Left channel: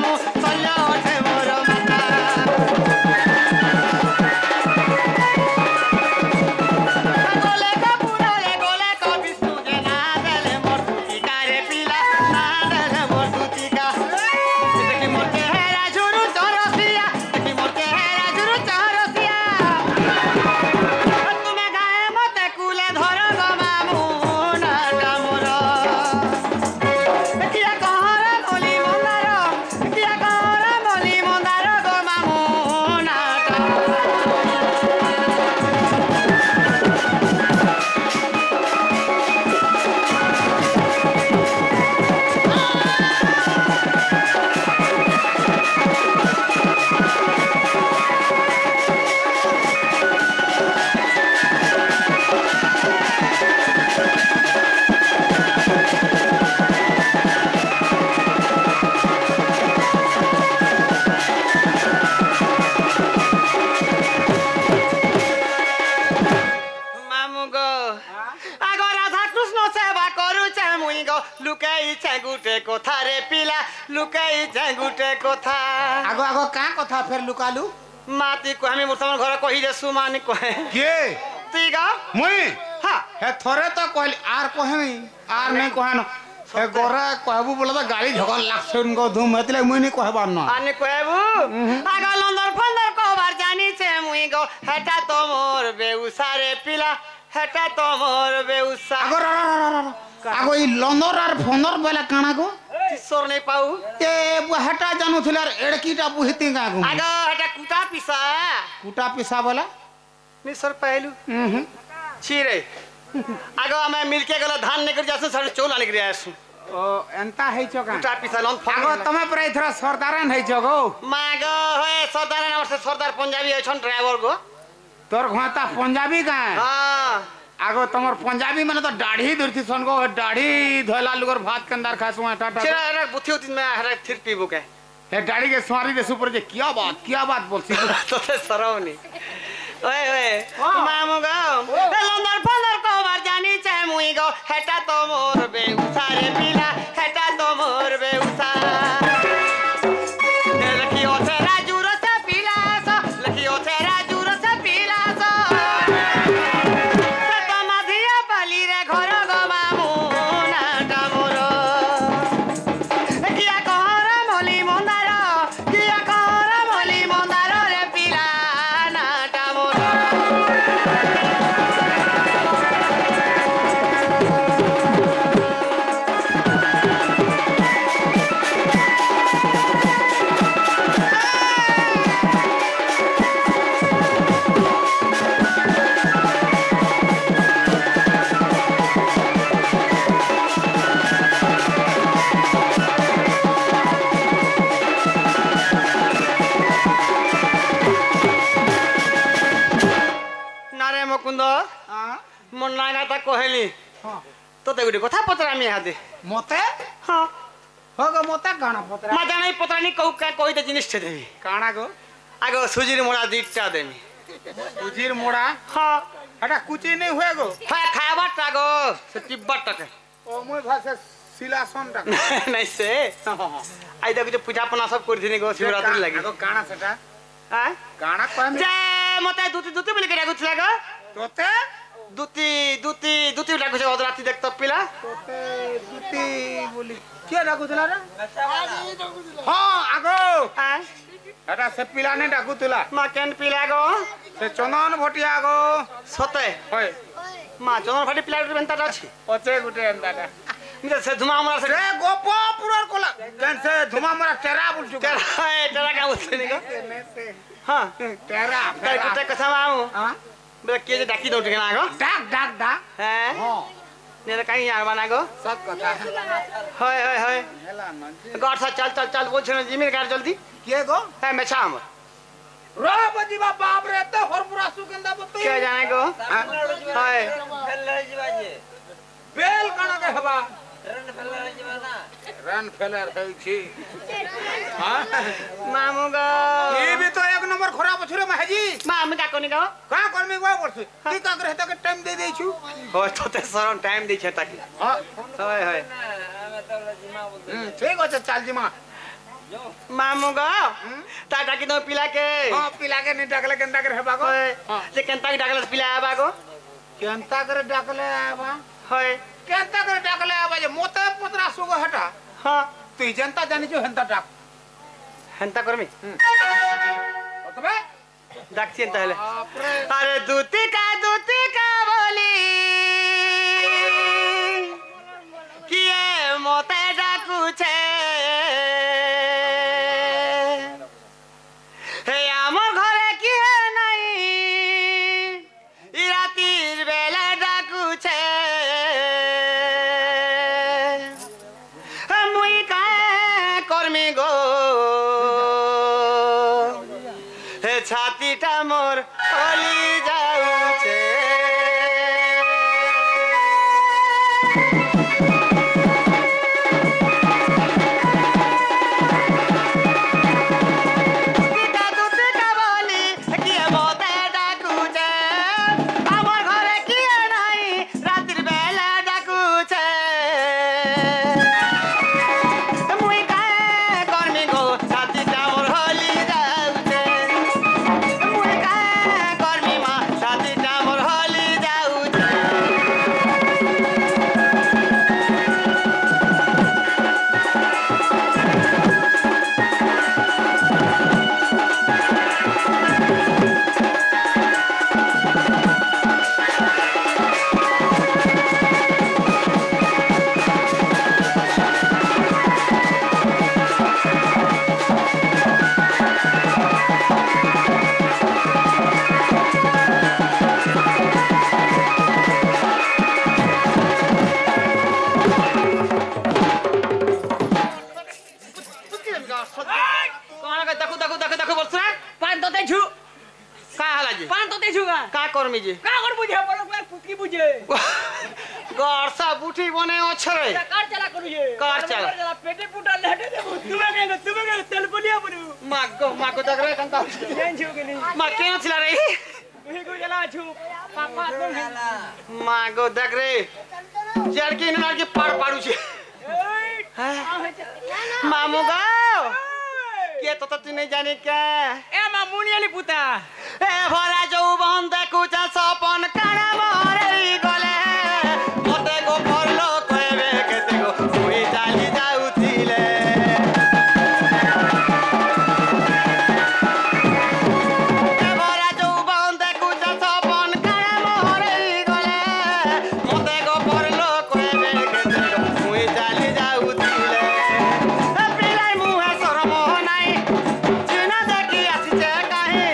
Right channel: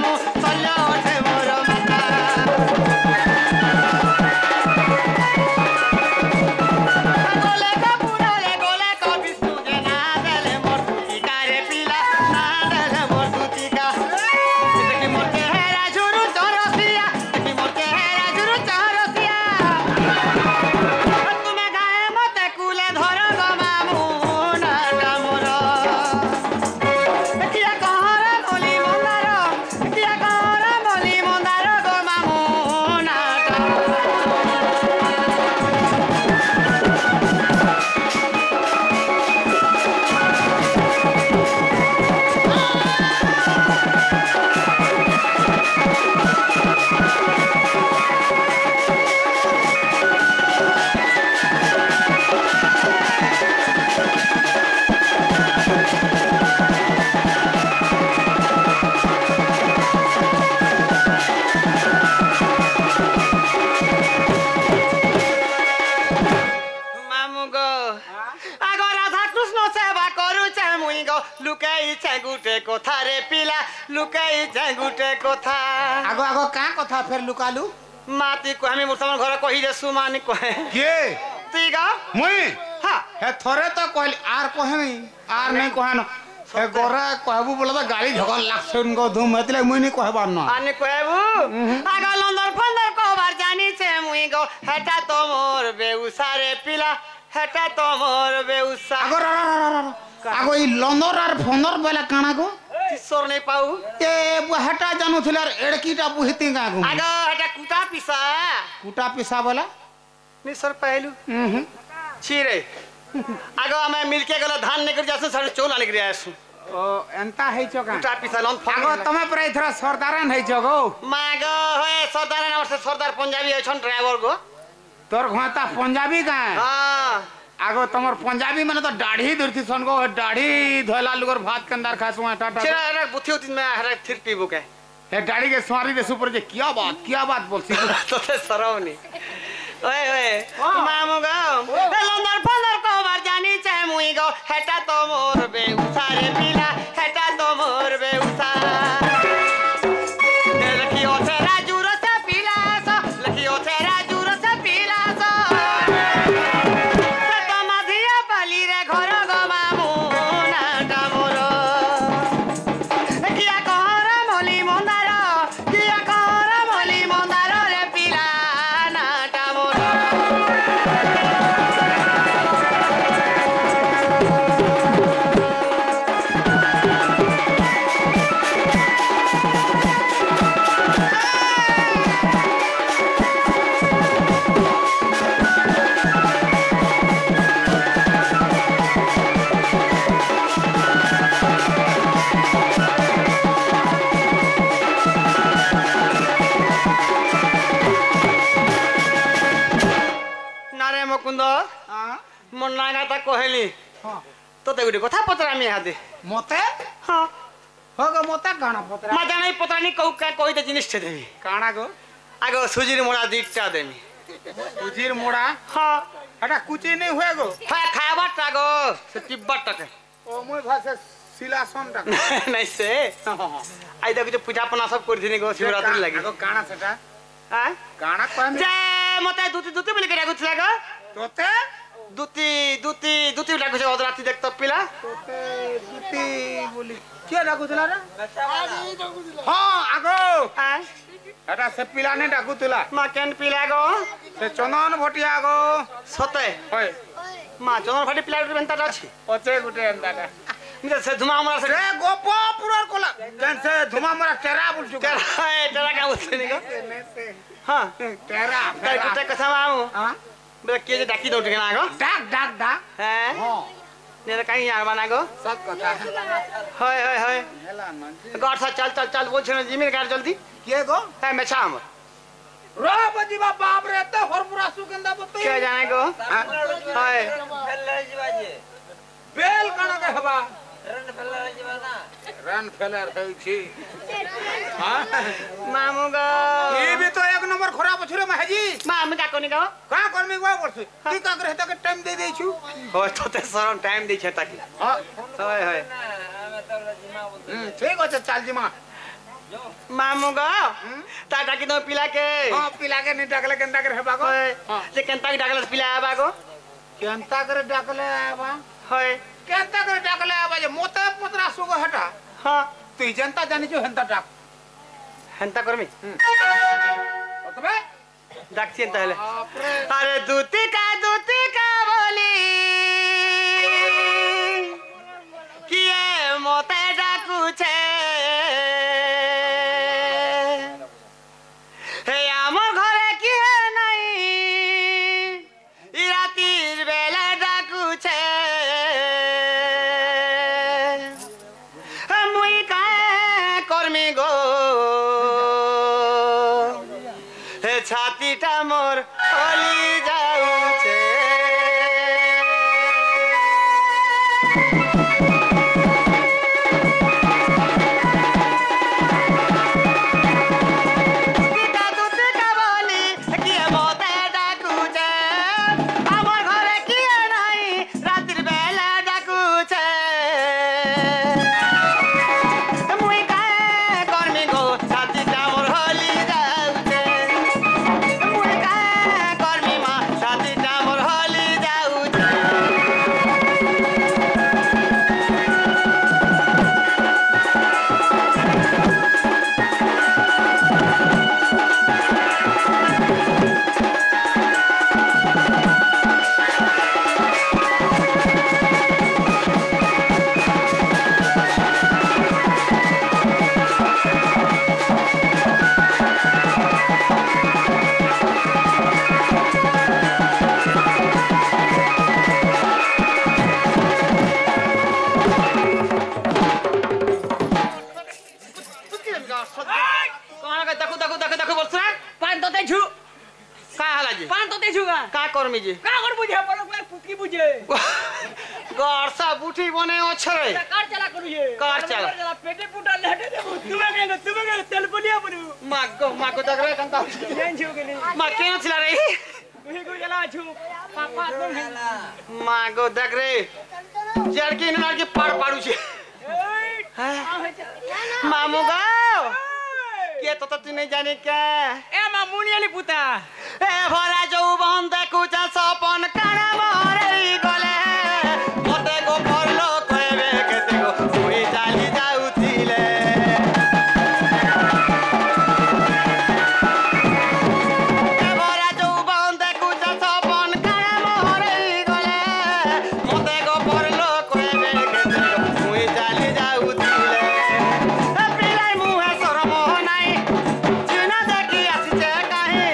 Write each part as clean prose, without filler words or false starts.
मामू चलो ओठे मोर माता गोले का पूरा ले गोले का बिस्तु के ना देले मोर तुती का रे पिला ना देले मोर तुती का देखी मोर के है राजुरु चौरसिया देखी मोर के है राजुरु चौरसिया तुम्हें गाए मते कुले धर गो मामू ना मोर किया कहरा बोली मंदार किया कहरा बोली मंदार गो मामू ना मामू गो आगो राधा कृष्ण सेवा करूचे मुई गो लुकाई गुटे कथा रे पिला लुकाई गुटे कथा आगो आगो का कथा फेर लुकालू माती को हमें मुर्तमान घर कही दे सुमानी कहे के तुई गा मुई हां हे थोरे तो कहली आर कहे नहीं आर नहीं कहनो हे गोरा कहबू बोले तो गाली झगड़ लागसे उनको धूम हेतले मुई नहीं कहबार न आने कहबू आगो लंदर फंदर को बार जानी छे मुई गो हेटा तो मोर बेउसा रे पिला हेटा तो मोर बेउसा आगो आगो ई लंदर आर फंदर बेला काना गो किशोर नहीं पाऊ ए हेटा जानू थिला एड़कीटा बुहिती का गो आगो हेटा कुटा पिसा कुटा पिसा बोला निसर पहलू छिरे आगो हमें मिलके गला धान निकल जासु सारे चोला निकल आसु ओ एंता है चोका कुटा पिसा लन आगो तमे पर इथरा सरदारन है चगो मागो होए सरदार न वर्ष सरदार पंजाबी है छन ड्राइवर गो तोर घाता पंजाबी का हां आगो तमर पंजाबी माने तो दाढ़ी दुरती सन गो दाढ़ी धोला लुगर भात कंदार खासु टाटा छिरा रे बुथी उती में हरे थिर पीबो के हे दाढ़ी के स्वारी दे सुपर जे क्या बात बोलसी तो ते सरवनी ओए ओए मामू गो लंदर फंदर को बार जानी चाहे मुई गो हेटा तो मोर बेउसा रे पिला हेटा तो मोर बेउसा लखियो से राजू रस पिला सो लखियो से राजू रस पिला सो तो मधिया पाली रे घर गो मामू नाटा मोर किया कहरा मोली मंदार किया कहरा मोली मंदार रे पिला नाटा मोर नारे मुकुंद मन नागा ता कहली हां तोते गुडी कथा पतरामी हादे मते हां होगो मते गाना पतरा मा जानै पतरानी कहू का कहिते जिनिस छे देमी काना गो आगो सुजीर मोड़ा दीटा देमी उजीर मोड़ा हां हटा कुची नहीं हुए गो खा खाबा टागो से तिब्बत टके ओ मोय भाषा सिलासन टा नहीं से आई देखो जो पूजा पना सब कर दिनी गो शिवरात्रि लागि गो काना सेटा हां गाना कहम जे मते दूती दूती बोली के डाकुछला गो तोते दूती डाकु छे अदराती देख तो पिला तोते दूती बोली के डाकुतला रे हां आगो हां हटा से पिला ने डाकुतला मा केन पिला गो से चंदन भटिया गो सते होय मा जोन फाटी पिला बेंता अछि ओचे गुटे अंदाटा मिले से धुमा हमरा से रे गोपो पुरर कोला जन से धुमा मरा टेरा बोल चुका तेरा का बोलते नहीं गो हां टेरा ते कथा माऊ हां बे के जे डाकी दो टिकना गो डाक हैं हां ने कहीं यार बना गो सब कथा होय हेला न गाड़ सा चल बोल छे जिमिन गाड़ जल्दी के गो है मेछाम रो बजीबा बाप रे त हरपुरा सुगंधा बतई के जाने गो हाय बेल कण के हबा रन फेलर जीवा ना रन फेलर होई छी हां मामू गो ई भी तो एक नंबर खराब छरे महाजी मामू का कोनी गो का करमी गो परसु की का करे त के टाइम दे दे छु हो तो ते सरन टाइम दै छे ताकि हां होय हमें तो जिमा बोलते ठीक আছে चल जिमा मामू गो ता डाकी दो पिला के हां पिला के नहीं डाकले केंता करे हेबा गो जे केंता के डाकले पिला आबा गो केंता करे डाकले आबा होय केंता करे डाकले आबा जे मोते पतरा सुगो हटा हां तू जनता जानि जो हेंता डाक हेंता करमी तबे डाक चिंता हेले अरे दूती का बोली किए मोते डाकू छे हे आमर घरे की है नहीं ई रातिर बेला डाकू छे मुई काहे करमी गो हे छातीटा मोर हली जाउछे करमी जी का कर बुझे पलक में कुकी बुझे गरसा बुठी बने अछरे कार चला करू ये कार चला पेटे पुटा लेटे दे तुम्हें तेल पुलिया बनु मागो दगरे कंता जेन छु के नहीं मा केन छिला रे तुही को जला छु पापा तुम मागो दगरे जड़की न लड़की पाड़ू छे मामू गाओ के तो तू नहीं जाने क्या ए मामूनी वाली पुता ए भरा जो बंद कुचा सपन काना मोरे गले मते को परलो कहबे केते को सुई चाली जाउथिले ए भरा जो बंद कुचा सपन काना मोरे गले मते को परलो कहबे केते को सुई चाली जाउथिले ए पिलाई मुहे शरम नाही चिना देखि आसीचे काहे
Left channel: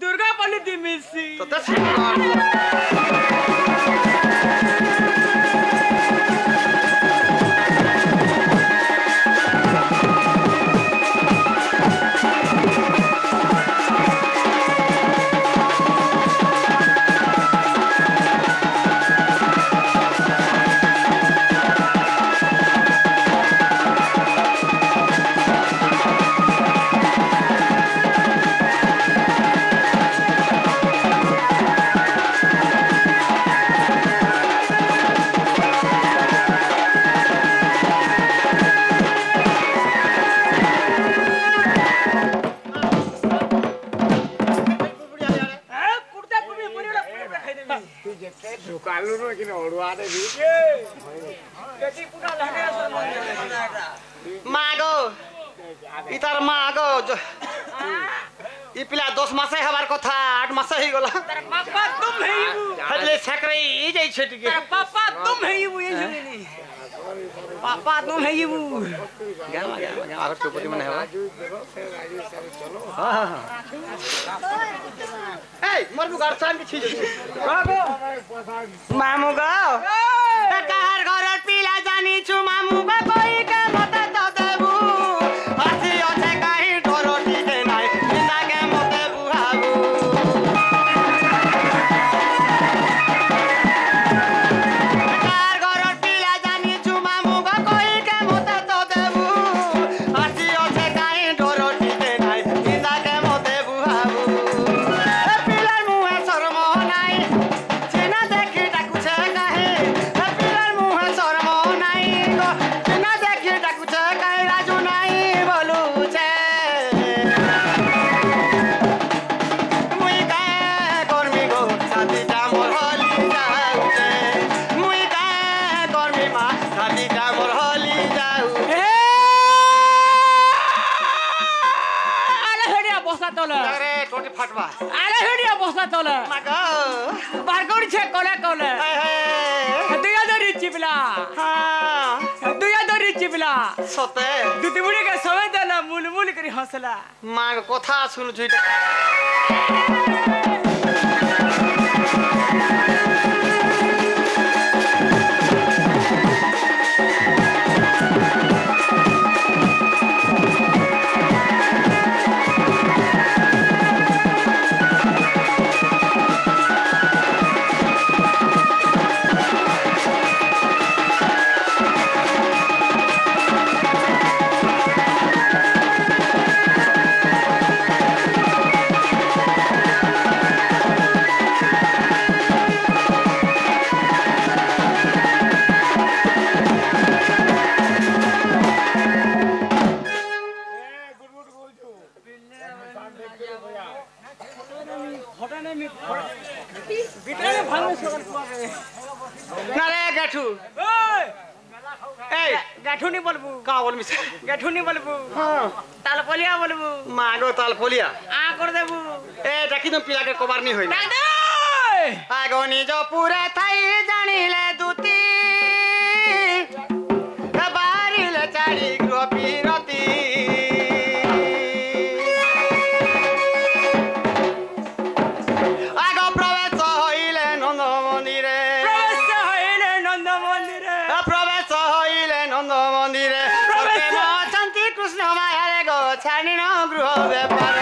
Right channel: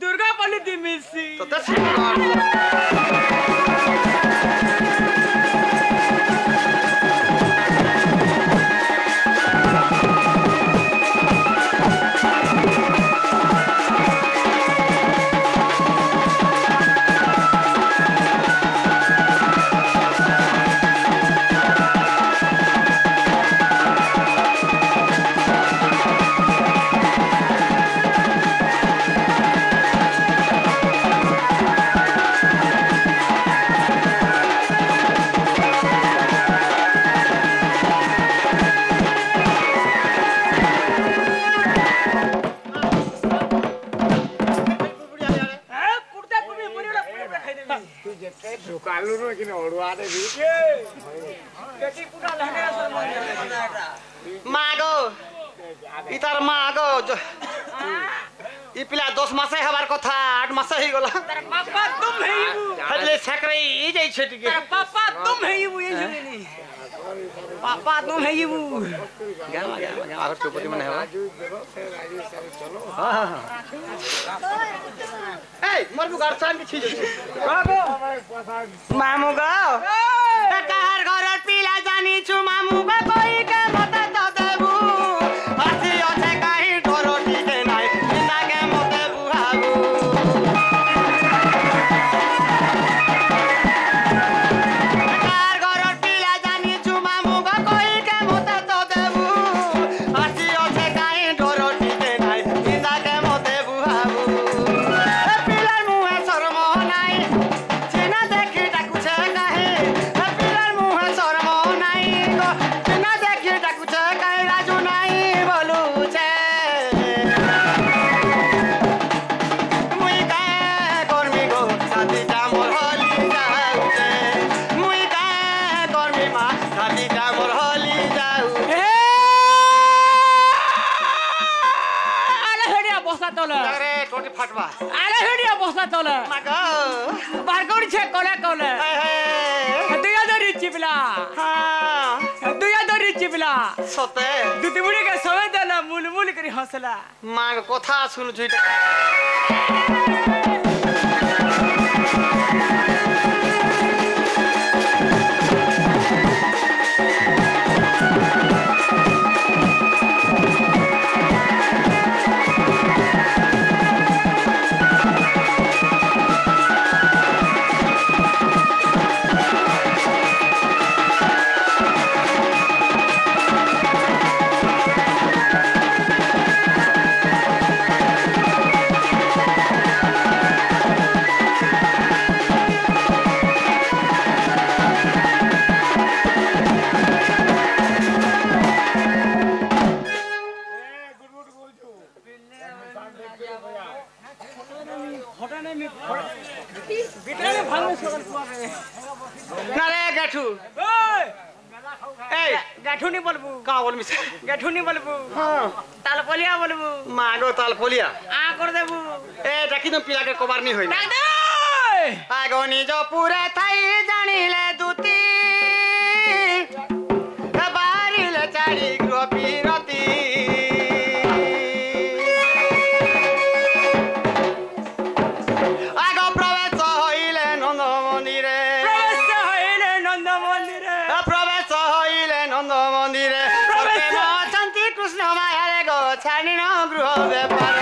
दुर्गा पल्ली दी मिसी तो तस मागो इतार मागो इ पिला 10 मासे हबार कथा 8 मासे ही गला पापा तुम है हदले सकरे ई जाई छै टिके पापा तुम है ये जुगेनी पापा तुम है ये गामा आगर चौपटी मन हेबा हां ए मोर बुगार सान की छी मामू गो कहार घर মা ধাবিটা মোর হলি যাও আরে হেডিয়া বসা তোলে আরে টোটি ফাটবা আরে হেডিয়া বসা তোলে মাগো বার করছে কোলে কোলে দুইয়া ধরি চিপলা হ্যাঁ দুইয়া ধরি চিপলা সতে দুটি বুড়ি কে সবে দেলা মুলমুল করি হসলা মাগ কথা শুনছু এটা না রে গাঠু এই গাঠুনি বলবু কা বলবি গাঠুনি বলবু হ্যাঁ তাল পলিয়া বলবু মাগো তাল ফলিয়া আ করে দেবু এ ডাকি তো পিলাকে কবার নি হই ডাক দে আগো নিজ পুরে থাই জানিলে দুতি বারিলে চারি গৃহ পিরতি আগ প্রবেশ হইলে নন্দ মন্দিরে প্রবেশ হইলে নন্দ মন্দিরে প্রবেশ হইলে নন্দ মন্দিরে শান্তি কৃষ্ণ মায়ারে গো ছাড়িন গৃহ ব্যাপার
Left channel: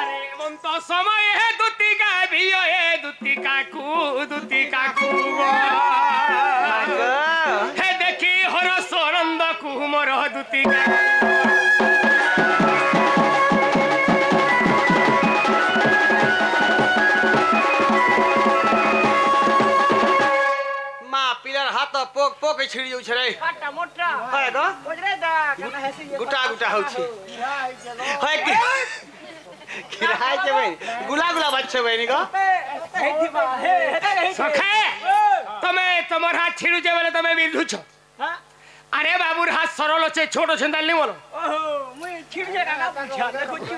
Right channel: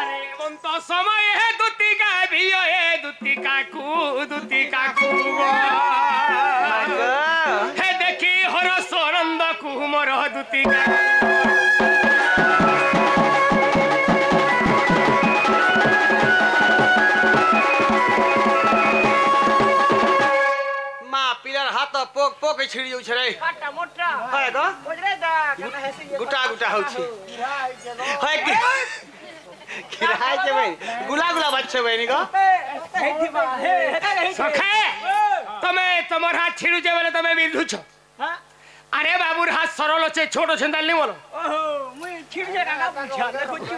আরে বন্ত সময় হে দুতিকা বিয় হে দুতিকা কু হে দেখি হর সরন্দ কুমর দুতিকা মা পিলার হাত পোক পোক ছিড়ি যাଉଛି রে কাটা মোটা হয় গো বুঝরে দা কেন হেসি গুটা গুটা হଉଛି হয় কি কিরাই যে ভাই গুলা গুলা বাচ্চা ভাই নি গো হেইতিবা হে সখে তুমি তোমার হাত ছিড়ুছে বলে তুমি বিধুছ হ্যাঁ আরে বাবুর হাত সরল আছে ছোট ছেন্দাল নি বলো ওহো মুই ছিড়ছে কাকা বুঝা দেখুছি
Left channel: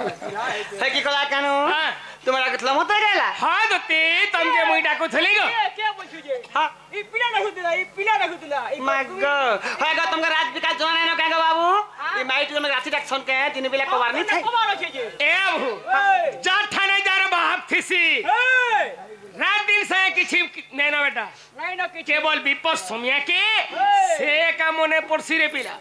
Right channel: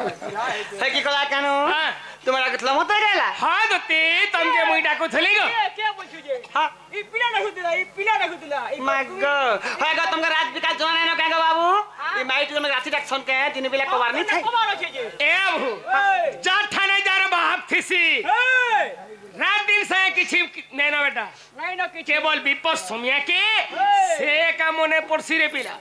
হে কি কলা কেন হ্যাঁ তোমার আগতলা মতে গেলা হ্যাঁ দতি তমকে মুই ডাকুথলি গো কে বুঝুছে হ্যাঁ ই পিলা ডাকুতলা মাগ হয় গো তোমার রাত বিকাশ জানা নাই কেন বাবু এই মাইটি তুমি রাতি ডাক ছন কে দিন বেলা কবার নি থাই কবার আছে যে এ বাবু যা ঠানে যার বাপ থিসি রাত দিন সে কিছু নাই না বেটা নাই না কিছু কেবল বিপদ সমিয়া কে সে কা মনে পড়ছি রে পিলা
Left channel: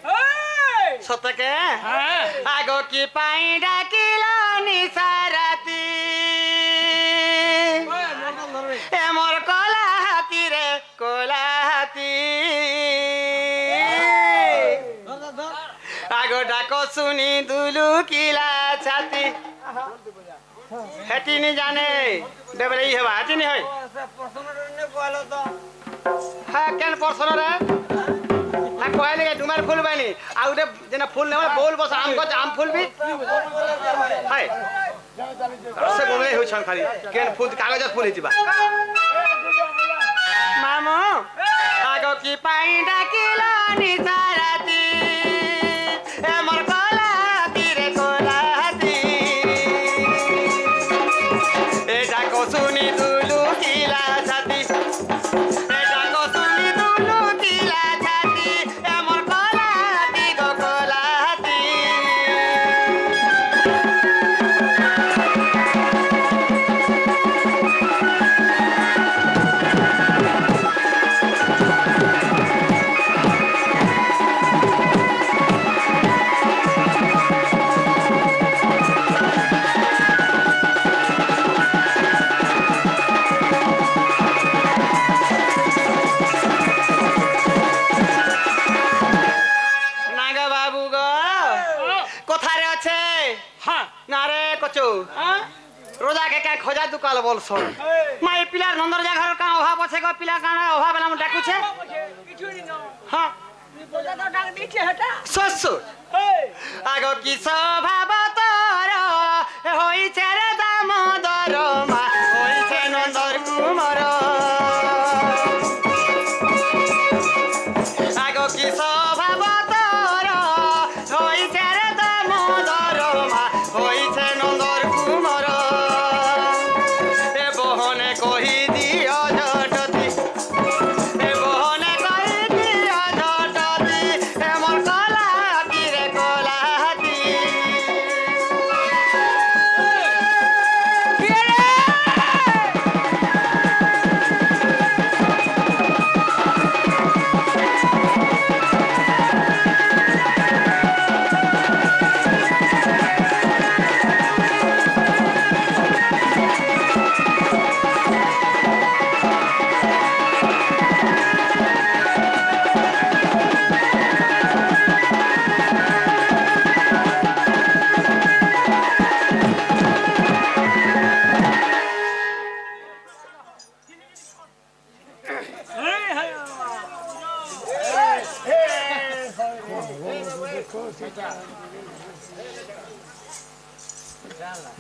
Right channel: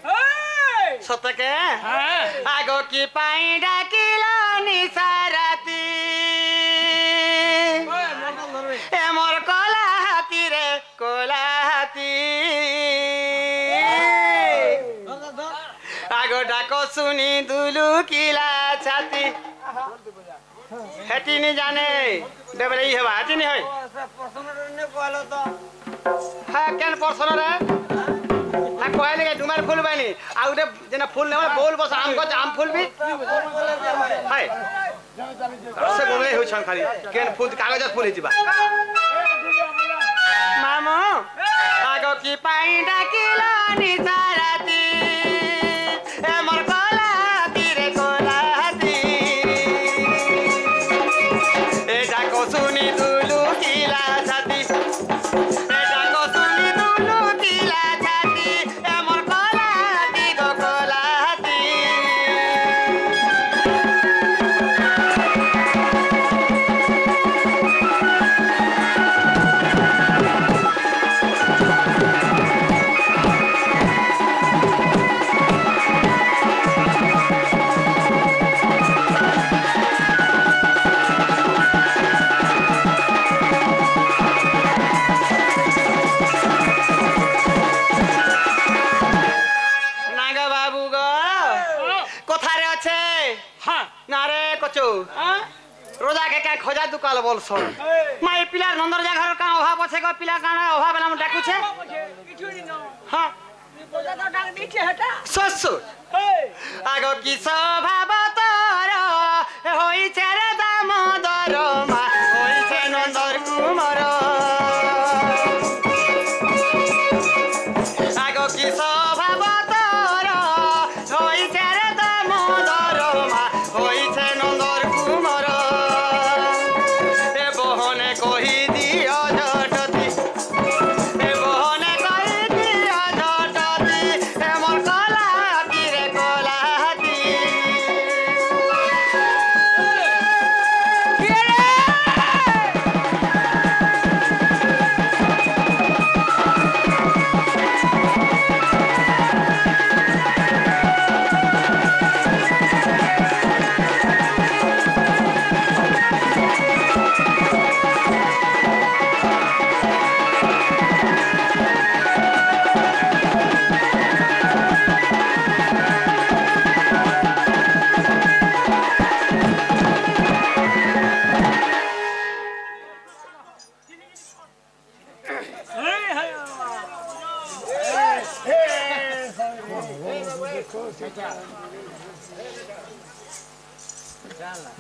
সতকে হ্যাঁ আগো কি পাই ডাকিলা নিসারাতি এ মোর কলা হাতি রে কলা হাতি আগো ডাকো শুনি দুলু কিলা ছাতি হেটি নি জানে দেবলে ই হেবা হেটি নি হয় হ্যাঁ কেন পরসন রে হ্যাঁ কইলে কে ডুমার ফুল বানি আর উঠে যেন ফুল নেওয়া বল বস আম গছ আম ফুল বি হাই সে বলে হইছন খালি কেন ফুল কাগজত ফুল হিবা মামু আগো কি পাই ডাকিলা নিসারাতি এ মোর কলা তীরে কলা হাতি এ ডাকো শুনি দুলু কিলা ছাতি এ ডাকো শুনি দুলু কিলা ছাতি এ মোর কলা হাতি গো কলা হাতি নাগা বাবু গো কোথারে আছে হ্যাঁ না রে কচু রোজা কে কে খোঁজা দুকাল বলছ মাই পিলার নন্দর জায়গার কা অভাব আছে গো পিলা কানা অভাব এলাম ডাকুছে কিছু নি না হ্যাঁ বোঝা তো ডাক দিছে হেটা শ্বশুর আগ কি স্বভাব তোর হইছে রে দামোদর মা হইছে নন্দর কুমার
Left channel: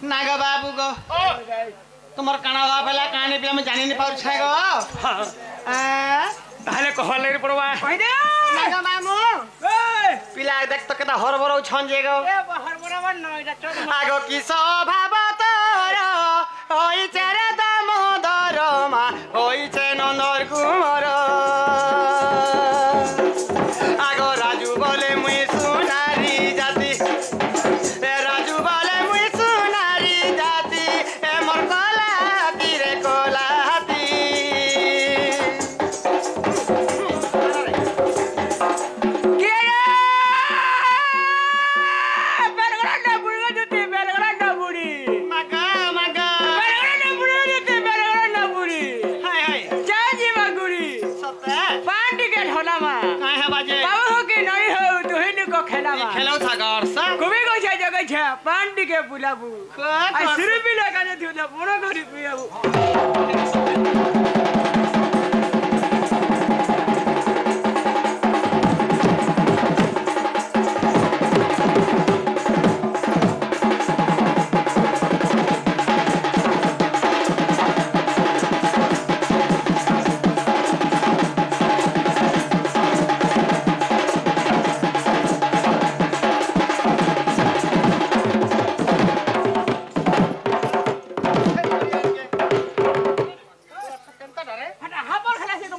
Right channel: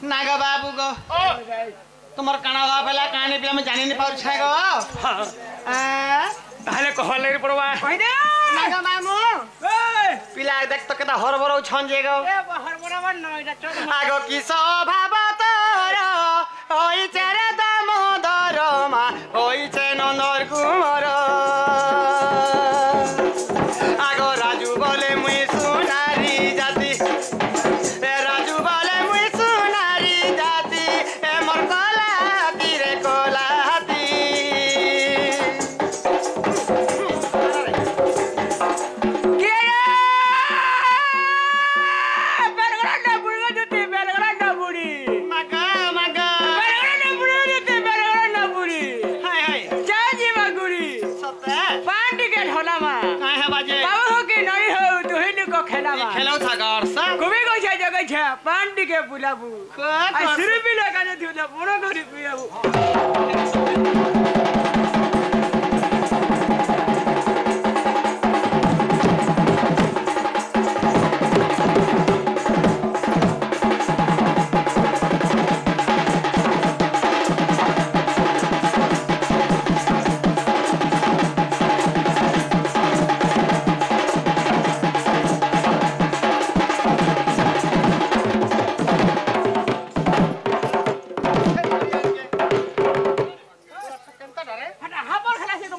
ना गो बाबू गो तुम्हार काना हुआ पहला कहानी पे मैं जानी नहीं पाऊँ छे गो ताहले कहल नहीं पड़वा ना गो मामू पिला देख तो केता हरबरो छन जे गो आगो की स्वभाव तोर ओई चेरे दामोदर मा ओई चे नंदर कुमार आगो राजू बोले मुई सुनारी जाति राजू बोले मुई सुनारी जाति ए मोर कलाती रे कलाती मागा मागा सत्ते काहे है बाजे खेलो था गौर सा पांडी के बुलाबू सिर भी लगा दे दियो पुरो करी पियाबू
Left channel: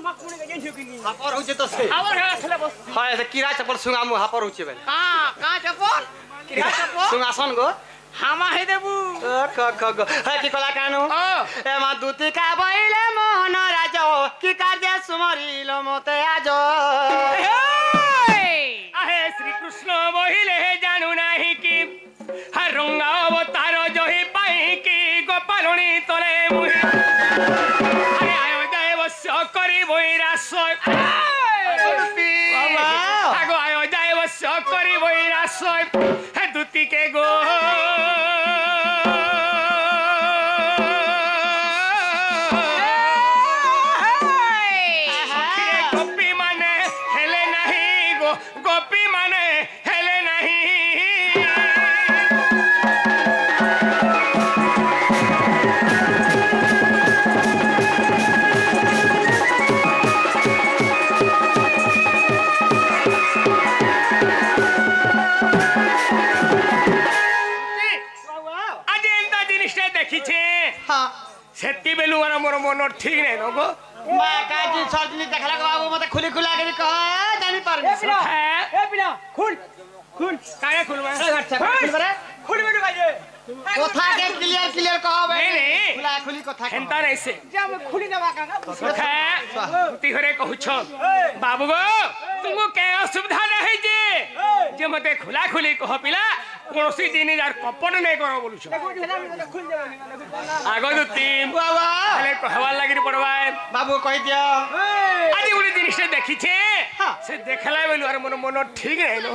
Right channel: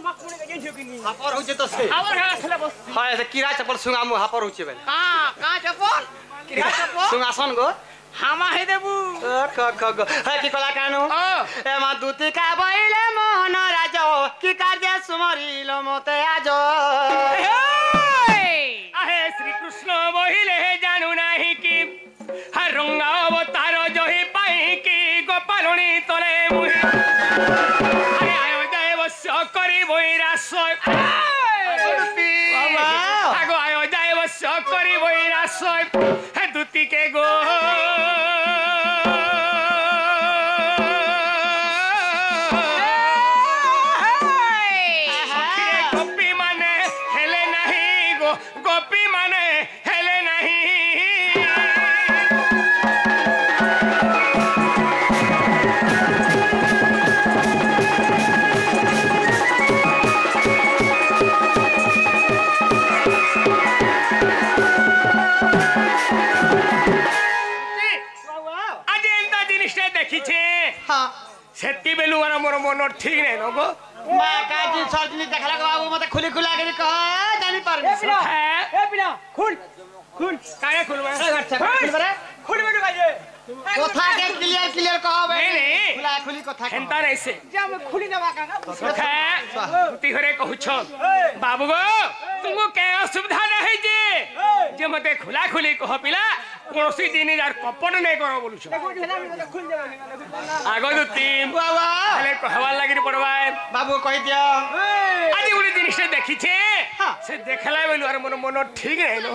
हापर होचे तो से हावर है खेला बस हां ऐसे कीड़ा चप्पल सुंगामु हापर होचे बे का चप्पल किरा चप्पल सुंगासन गो हामा हे देबू ख ख ग है की कला कानु ए मा दूती का बइले मोहन राजो की कार्य सुमरिलो मते आजो आहे श्री कृष्ण बहिले जानू नाही की हर रंगा अवतार जोही पाई की गोपालनी तले मुहि अरे आयो जय वस्य करी बहिरा सोय आगो आयो जय वस्य करी बहिरा सोय हे दूती के गो गोपी माने हेले नहीं गो गोपी माने हेले नहीं आज एंता जिनिसटा देखिछे हां सेती बेलु वाला मोर मन ठीक नहीं न गो मा का जी सर्जनी देखला गो बाबू मते खुली खुला के कह जानी परमिस ए बिना खुल खुल काहे खुलवा खुल बरे खुल बेटू काजे कथा के क्लियर क्लियर कह बे नहीं खुला खुली कथा कह हेंता नहीं से जा मैं खुली दबा का सखा तुती घरे कहूछ बाबू गो तुमको के असुविधा नहीं जे मते खुला खुली कह पिला कोनोसी दिन यार कपट नहीं करो बोलुछ खुल देबा आगो दुती बाबा खाली कहवार लागि पड़वा बाबू कह दियो आज गुडी जिनिस देखिछे से देखला बेलु और मन ठीक नहीं नो